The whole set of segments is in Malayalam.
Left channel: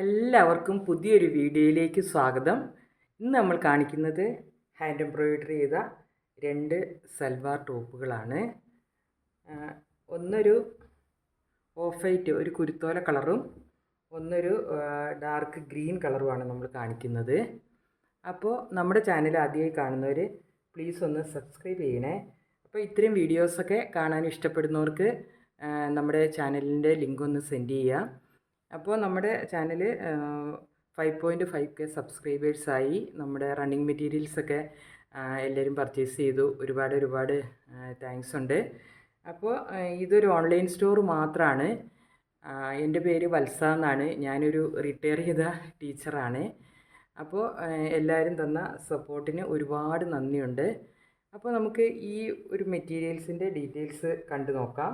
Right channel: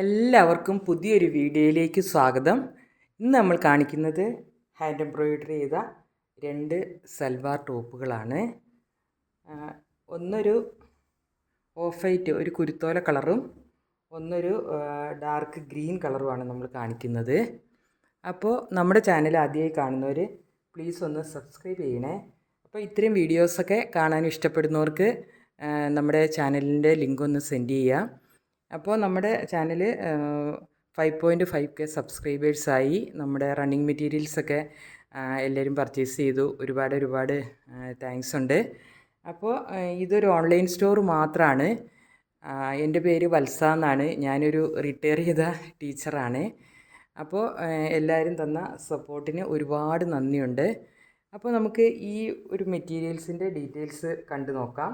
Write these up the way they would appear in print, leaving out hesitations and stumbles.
എല്ലാവർക്കും പുതിയൊരു വീഡിയോയിലേക്ക് സ്വാഗതം. ഇന്ന് നമ്മൾ കാണിക്കുന്നത് ഹാൻഡ് എംബ്രോയിഡറി ചെയ്ത രണ്ട് സൽവാർ ടോപ്പുകളാണ്. ഒന്നൊരു ഓഫ് വൈറ്റ് ഒരു കുരുത്തോല കളറും ഒന്നൊരു ഡാർക്ക് ഗ്രീൻ കളറുമാണ് നമ്മൾ കാണിക്കുന്നത്. അപ്പോൾ നമ്മുടെ ചാനൽ ആദ്യമായി കാണുന്നവർ പ്ലീസ് ഒന്ന് സബ്സ്ക്രൈബ് ചെയ്യണേ. അപ്പോൾ ഇത്രയും വീഡിയോസൊക്കെ കാണാൻ ഇഷ്ടപ്പെടുന്നവർക്ക് നമ്മുടെ ചാനലിൻ്റെ ലിങ്ക് ഒന്ന് സെൻഡ് ചെയ്യാം. അപ്പോൾ നമ്മുടെ ചാനൽ 5.5K സബ്സ്ക്രൈബേഴ്സായി. നമ്മുടെ റണ്ണിങ് മെറ്റീരിയൽസൊക്കെ എല്ലാവരും പർച്ചേസ് ചെയ്തു. ഒരുപാട് താങ്ക്സ് ഉണ്ട്. അപ്പോൾ ഇതൊരു ഓൺലൈൻ സ്റ്റോർ മാത്രമാണ്. എൻ്റെ പേര് വത്സ എന്നാണ്. ഞാനൊരു റിട്ടയർ ചെയ്ത ടീച്ചറാണ്. അപ്പോൾ എല്ലാവരും തന്ന സപ്പോർട്ടിന് ഒരുപാട് നന്ദിയുണ്ട്. അപ്പോൾ നമുക്ക് ഈ ഒരു മെറ്റീരിയൽസിൻ്റെ ഡീറ്റെയിൽസ് കണ്ടു നോക്കാം.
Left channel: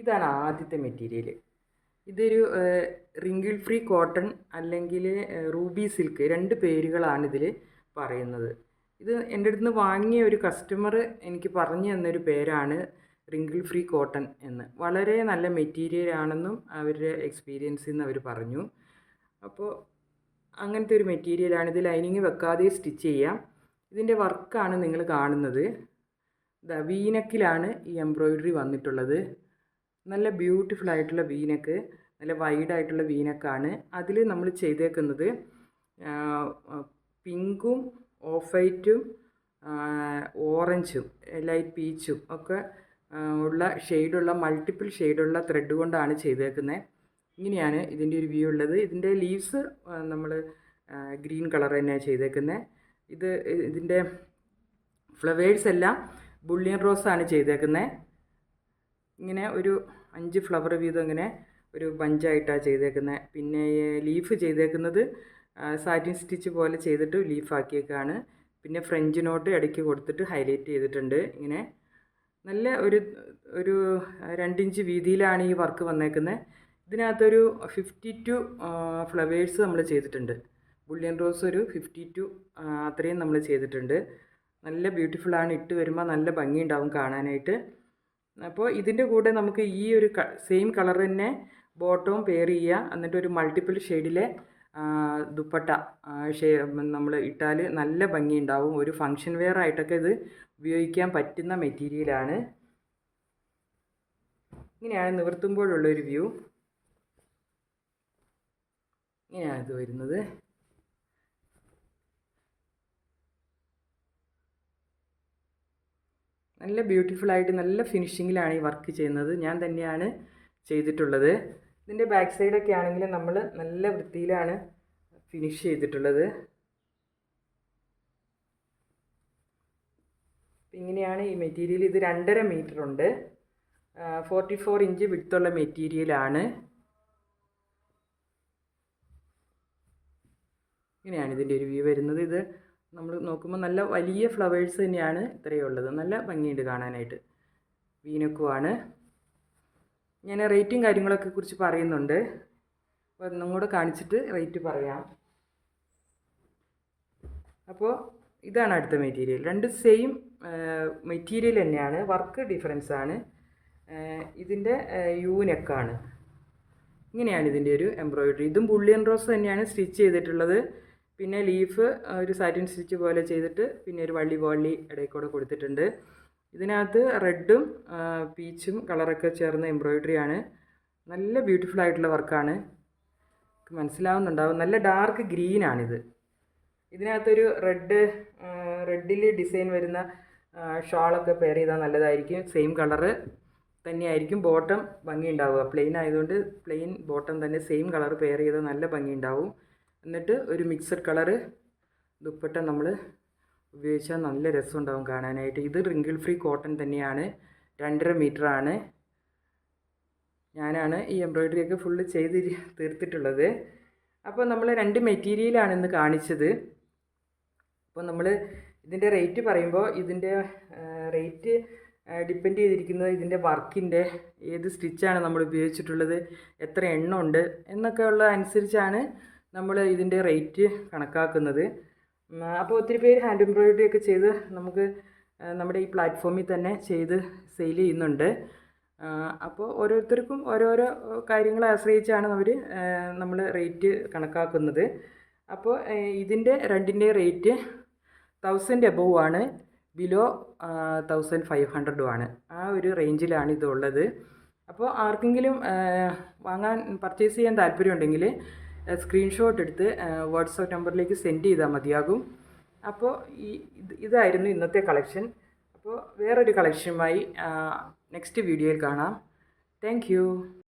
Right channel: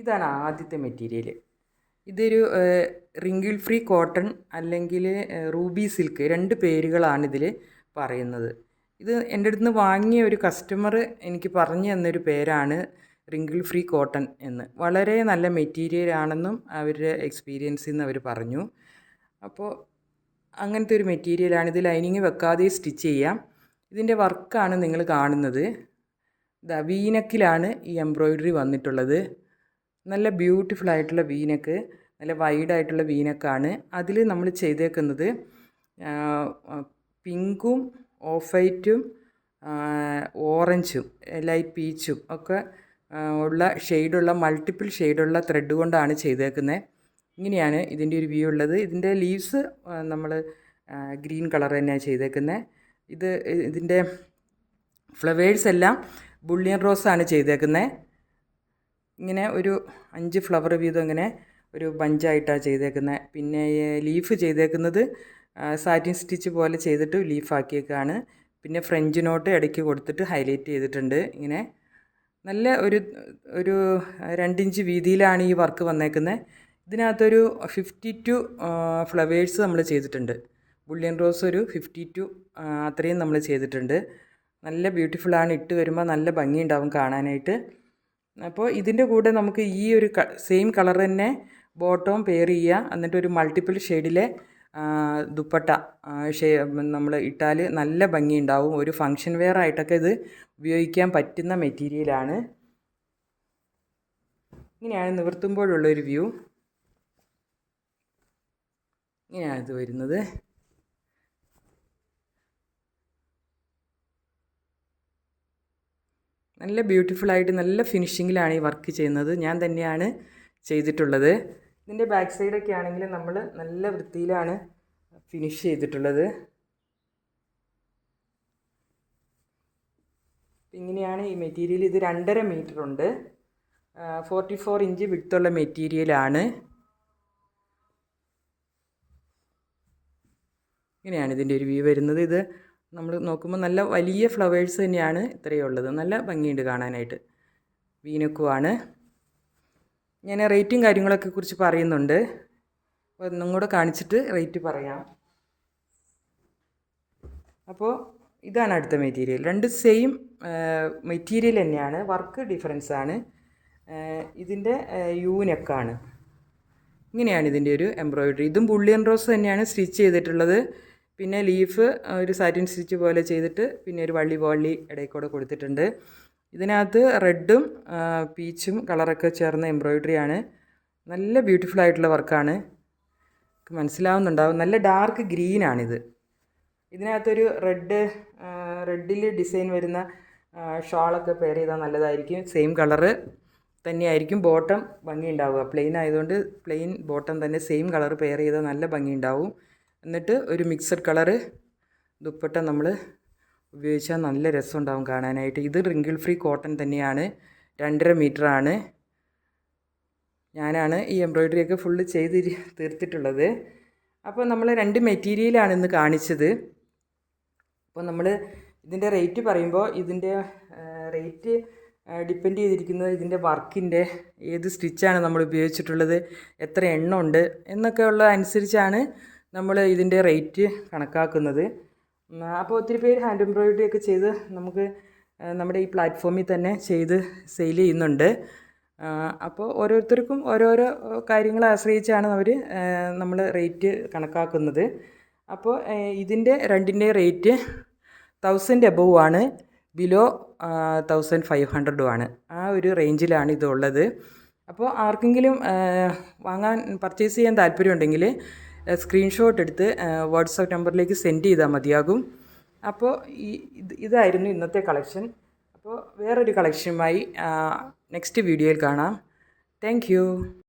ഇതാണ് ആദ്യത്തെ മെറ്റീരിയൽ. ഇതൊരു റിങ്കിൾ ഫ്രീ കോട്ടൺ അല്ലെങ്കിൽ റൂബി സിൽക്ക്, രണ്ട് പേരുകളാണ് ഇതിൽ പറയുന്നത്. ഇത് എൻ്റെ അടുത്ത് നിന്ന് വാങ്ങിയ ഒരു കസ്റ്റമർ എനിക്ക് പറഞ്ഞു തന്നൊരു പേരാണ് റിങ്കിൾ ഫ്രീ കോട്ടൺ എന്ന്. വളരെ നല്ല മെറ്റീരിയലാണെന്നും അവരുടെ എക്സ്പീരിയൻസിൽ നിന്ന് അവർ പറഞ്ഞു. അപ്പോൾ അങ്ങനത്തെ ഒരു മെറ്റീരിയലാണ്. ഇത് ലൈനിങ് വെക്കാതെ സ്റ്റിച്ച് ചെയ്യാം. ഇതിൻ്റെ വർക്കാണ് നിങ്ങൾ കാണുന്നത്. വീനക്കിലാണ് ഈ എംബ്രോയിഡറി വന്നിട്ടുള്ളത്. നല്ല ബ്യൂട്ടിഫുൾ ആയിട്ടുള്ള വീനക്ക്, നല്ല വൈഡായിട്ടുള്ള വീനക്കാണ്. അതിൽ നമ്മൾ ചെയ്തേക്കുന്നത് പിങ്കും ഓഫ് വൈറ്റും ഓറഞ്ചും ലൈറ്റ് പീച്ചും ഒക്കെ ഉള്ള ഷെയ്ഡുള്ള മൾട്ടിപ്പിൾ ഷെയ്ഡുള്ള ത്രെഡ് കൊണ്ടാണ് ചെയ്തേക്കുന്നത്. ഇങ്ങനെയാണ് ഇതിൻ്റെ ഒരു വ്യൂ ഉള്ളത്. ഇതിൻ്റെ ലീവ്സ് നമ്മൾ ഗ്രീൻ കളർ തന്നെയാണ് ചെയ്തേക്കുന്നത്. ഇതിൻ്റെ ഫ്ലവേഴ്സ് എല്ലാം ബുള്ളിയൻ റോസാണ് ചെയ്തേക്കുന്നത്. ഇങ്ങനെ ഒരു 5 ഫ്ലവർ വീതം ഇങ്ങനെ ഒരു ബഞ്ചായിട്ടാണ് ചെയ്തേക്കുന്നത്. പിന്നെ ലീഫ് ചെയ്തേക്കുന്നത് സാറ്റിൻ സ്റ്റിച്ച് പോലെ ചെയ്തിട്ട് ലീഫാക്കിയേക്കാണ്. പിന്നെ ഫ്രഞ്ച് നോട്ട് ഇടയ്ക്ക് കൊടുത്തിട്ട് ഹൈലൈറ്റ് ചെയ്തിട്ടുണ്ട്. ഇങ്ങനെ നല്ല ഒരു 2 ഇഞ്ച് വീതിയിലാണ് ഈ വർക്ക് വന്നേക്കുന്നത്. ഇതിനകത്തൊരു 52 ഫ്ലവേഴ്സ് നമ്മൾ ചെയ്തിട്ടുണ്ട്. ബുള്ളിയൻ റോസ് ഒരു 52 അത്രയും നമ്മൾ ചെയ്തിട്ടുണ്ട്. നല്ല ബ്യൂട്ടിഫുള്ളാണ്. ഇട്ട് വരുമ്പോൾ നല്ല ഭംഗിയുണ്ടാവും കാണാനായിട്ട്. അപ്പോൾ ഇതിൻ്റെ കൂടെ നമുക്ക് ഈ ഒരു സെയിം കളർ തന്നെ ബോട്ടവും പെയർ ചെയ്യുക. എന്നിട്ട് ഒരു മൾട്ടിപ്പിൾ ഷെയ്ഡിലെ ദുപ്പട്ട നമ്മൾ ഇട്ടാൽ നല്ല ഭംഗിയുണ്ടാവും. ഒരു ഫങ്ഷൻ വെയർ ആയിട്ടൊക്കെ ഇത് ഉപയോഗിക്കാൻ പറ്റുന്ന മെറ്റീരിയലാണ്. ഇങ്ങനെയാണ് നിവർത്തുമ്പോഴുള്ളൊരു വ്യൂ. ഇങ്ങനെയാണ് ഇത് വരുന്നത്. നല്ല ബ്യൂട്ടിഫുള്ളായിട്ട് നല്ല ഫിനിഷിങ്ങിലാണ് ഈ വർക്ക് ചെയ്യുന്നത്. ഞാൻ തന്നെയാണ് ചെയ്തിട്ടുള്ളത്. ഇതിൻ്റെ ബാക്ക് സൈഡൊക്കെ ആണെങ്കിൽ നമ്മൾ നല്ല വൃത്തിയിലാണ് ഫിനിഷ് ചെയ്തിട്ടുള്ളത്. ഇങ്ങനെയാണ് ഈ മെറ്റീരിയൽ. ഇത് 2.5 മീറ്റർ ഉണ്ട്. 44 ഇഞ്ച് വിഡ്ത്തുള്ള മെറ്റീരിയലാണ്. ഇങ്ങനെയാണ് ഇതിൻ്റെ ഒരു വ്യൂ വരുന്നത്. ഇത് നമ്മൾ നോക്കുമ്പോൾ നല്ല വലിയ ഫ്ലവേഴ്സ് തന്നെയാണ് ഇത്രയേ ഉള്ളത്. നല്ല ഭംഗിയുണ്ട് കാണാനായിട്ട്. വീനക്കുമാണ്. ഞാൻ റേറ്റും കാര്യങ്ങളൊക്കെ കുറിച്ച് പറയുന്നുണ്ട്. ഒന്നും കൂടെ കാണിച്ചിട്ട് റേറ്റ് പറയാം. അപ്പോൾ ഇതാണ് അടുത്ത മെറ്റീരിയൽ. രണ്ട് സെയിം മെറ്റീരിയൽ തന്നെയാണ്, വർക്ക് ഡിഫറൻസ് ആണ്. ഇതിൻ്റെ നെക്കാണ്. ഇങ്ങനെയാണ് ഇതിൻ്റെ ഒരു എംബ്രോയിഡറി. ഇതും ബുള്ളിയൻ റോസ് തന്നെയാണ് സ്റ്റിച്ച് ചെയ്തിട്ടുള്ളത്. പിന്നെ ലീഫ് ഒരു സാറ്റിൻ സ്റ്റിച്ച് പോലെ ചെയ്തിട്ട് പിന്നെ ഒരു വള്ളി ഇടയിൽ കൂടെ കൊടുത്തിട്ടുണ്ട്. ഇതിനകത്ത് റെഡും പീച്ചും കളറൊക്കെ ചേർന്ന എംബ്രോയിഡറിയാണ്. നല്ല ബ്യൂട്ടിഫുൾ ആയിട്ടുള്ള വർക്കാണ്. മനസ്സിലാവുന്നുണ്ടാവും. നല്ല ഡാർക്ക് ഗ്രീനാണിത്. ഇതിനകത്തൊരു റെഡിൽ ഡിസൈൻ വരുന്ന ഷാളൊക്കെ പെയർ ചെയ്താൽ നല്ലതായിരിക്കും. സെയിം കളറ് തന്നെയായിരിക്കും ബോട്ടം ഭംഗി ഉണ്ടാവുക. പ്ലെയിൻ ആയതുകൊണ്ട് പ്ലെയിൻ ബോട്ടം തന്നെ സെയിം കളർ പെയർ ചെയ്താൽ നല്ല ഭംഗി ഉണ്ടാവും. എന്നിട്ട് ഒരു മിക്സഡ് കളറ് ദുപ്പട്ട നമ്മൾ ഉപയോഗിച്ചാൽ നല്ല രസമുണ്ടാവും കാണാനായിട്ട്. ഇത് റിങ്കിൾ ഫ്രീ കോട്ടൺ തന്നെയാണ്. 2.5 മീറ്ററാണ്. ഞാനാണ് ഈ എംബ്രോയിഡറിയൊക്കെ ഫുള്ള് ചെയ്ത് തീർത്തിട്ടുള്ളത്. അപ്പോൾ നമ്മൾ 2 മെറ്റീരിയലാണ് ഇന്ന് കാണിച്ചത്. അപ്പോൾ നമ്മൾ ഇതിൻ്റെ റേറ്റ് പറയുമ്പോൾ ഇതിൻ്റെ റേറ്റ് ഡിപ്പെൻഡ് ചെയ്തിരിക്കുന്നത് ഇതിൻ്റെ വർക്കിൻ്റെ ഏത് സ്റ്റിച്ചാണ് നമ്മൾ ഉപയോഗിച്ചിട്ടുള്ളത്, എത്ര എണ്ണം ഉണ്ട് എന്നൊക്കെ ഉള്ള അനുസരിച്ചാണ് നമ്മൾ ഇതിൻ്റെ റേറ്റ് കണക്കാക്കുന്നത്. അപ്പോൾ ഒത്തിരി പേര് ഹാൻഡ് എംബ്രോയിഡറി ഒക്കെ ചെയ്ത് നമുക്ക് നമ്മുടെ ഈ പ്ലാറ്റ്ഫോമിൽ തന്നെ ചെയ്ത് സെയിൽ ചെയ്യുന്നുണ്ട്. അപ്പോൾ ഓരോരുത്തർക്കും ഓരോരോ കാര്യങ്ങളെ ആശ്രയിച്ചാണ് നമ്മൾ റേറ്റ് കണക്കാക്കുന്നത്. അപ്പോൾ ഇതിൻ്റെ രണ്ടിൻ്റെ റേറ്റ് 1000 എബോവ് ആണ്, ബിലോ 1500 ആണ്. ആ ഒരു റേഞ്ചിലാണ് ഇതുള്ളത്. അപ്പോൾ ആർക്കെങ്കിലും പർച്ചേസ് ചെയ്യാൻ താല്പര്യമുണ്ടെങ്കിൽ സ്ക്രീൻഷോട്ട് എടുത്ത് വാട്സാപ്പ് നമ്പറിലേക്ക് സെൻഡ് ചെയ്താൽ മതിയാകും. അപ്പോൾ ഇതായിരുന്നു ഇന്നത്തെ കളക്ഷൻ. അപ്പോൾ വേറൊരു കളക്ഷനുമായി നെക്സ്റ്റ് വീഡിയോയിൽ കാണാം. Thank you.